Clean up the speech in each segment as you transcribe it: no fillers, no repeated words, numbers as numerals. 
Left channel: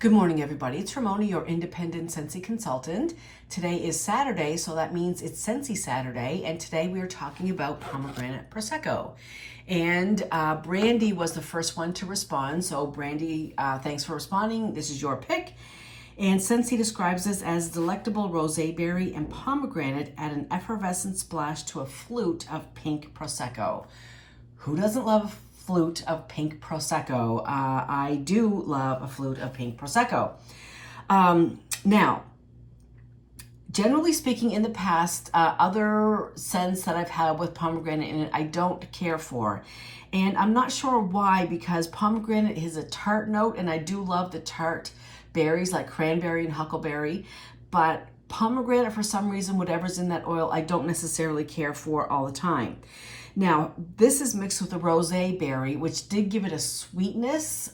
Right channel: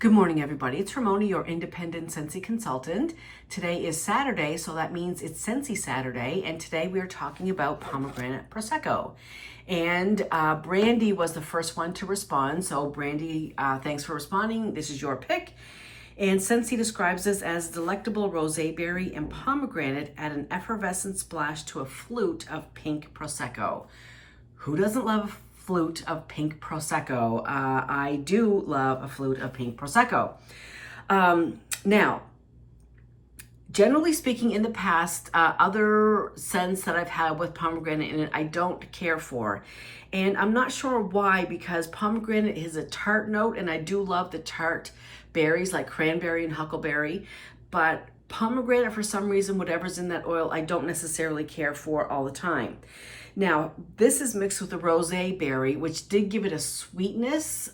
Good morning, everybody. It's Ramona, your independent Scentsy consultant. Today is Saturday, so that means it's Scentsy Saturday, and today we are talking about pomegranate Prosecco. And Brandy was the first one to respond, so Brandy, thanks for responding. This is your pick. And Scentsy describes this as delectable rosé berry and pomegranate add an effervescent splash to a flute of pink Prosecco. Who doesn't love flute of pink Prosecco? I do love a flute of pink Prosecco. Now, generally speaking, in the past, other scents that I've had with pomegranate in it, I don't care for. And I'm not sure why, because pomegranate is a tart note, and I do love the tart berries like cranberry and huckleberry. But pomegranate, for some reason, whatever's in that oil, I don't necessarily care for all the time. Now, this is mixed with a rosé berry, which did give it a sweetness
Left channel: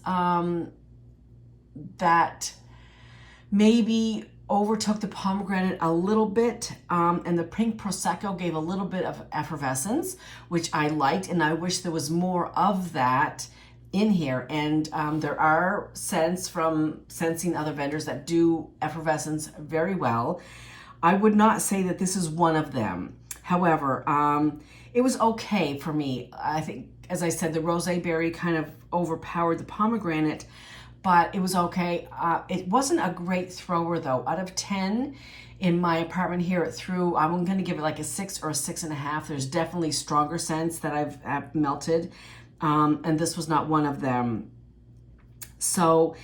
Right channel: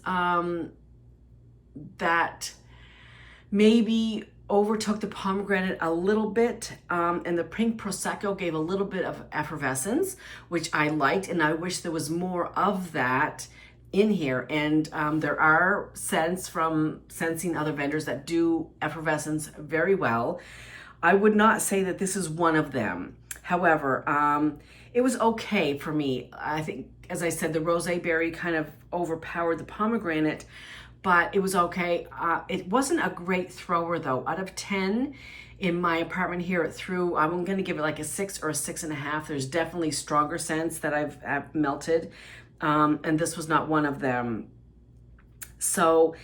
that maybe overtook the pomegranate a little bit, and the pink Prosecco gave a little bit of effervescence, which I liked, and I wish there was more of that in here. And there are scents from Scentsy and other vendors that do effervescence very well. I would not say that this is one of them. However, it was okay for me. I think, as I said, the rosé berry kind of overpowered the pomegranate, but it was okay. It wasn't a great thrower though. Out of 10 in my apartment here, I'm going to give it like a 6 or a 6.5. There's definitely stronger scents that I've melted, and this was not one of them. So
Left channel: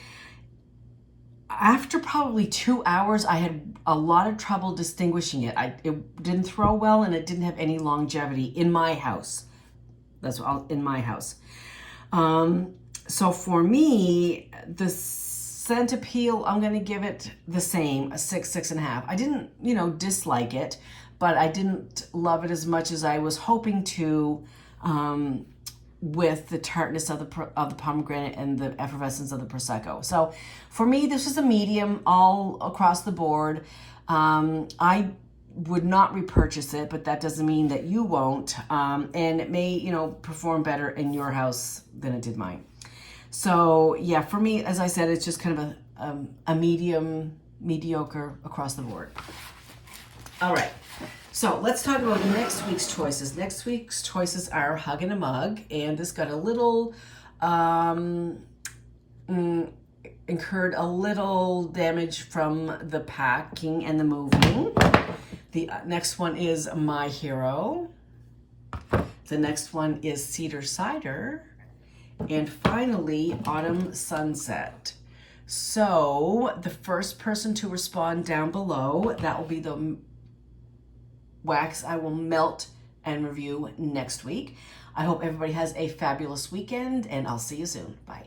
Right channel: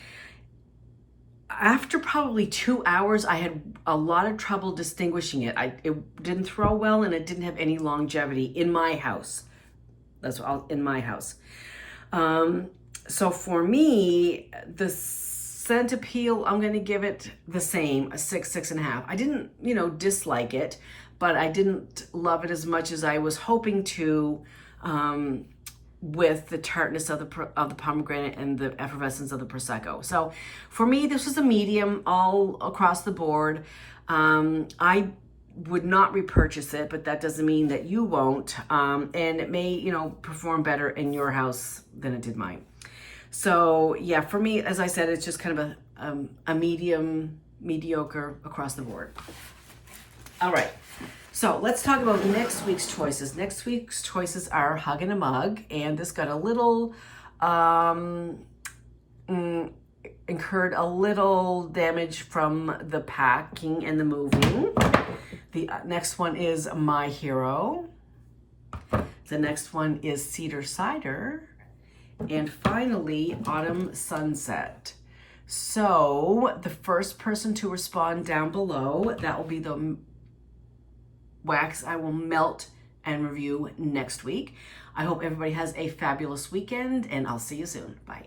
after probably 2 hours, I had a lot of trouble distinguishing it. It didn't throw well, and it didn't have any longevity in my house. In my house. So for me, the scent appeal, I'm going to give it the same, a 6, 6.5. I didn't, dislike it, but I didn't love it as much as I was hoping to, with the tartness of the pomegranate and the effervescence of the Prosecco. So for me, this was a medium all across the board. I would not repurchase it, but that doesn't mean that you won't. And it may, perform better in your house than it did mine. So yeah, for me, as I said, it's just kind of a mediocre across the board. All right. So let's talk about next week's choices. Next week's choices are Hug in a Mug, and this got a little, incurred a little damage from the packing and the moving. The next one is My Hero. The next one is Cedar Cider. And finally, Autumn Sunset. So the first person to respond down below, that will be the wax I will melt and review next week. I hope everybody has a fabulous weekend, and I'll see you soon. Bye.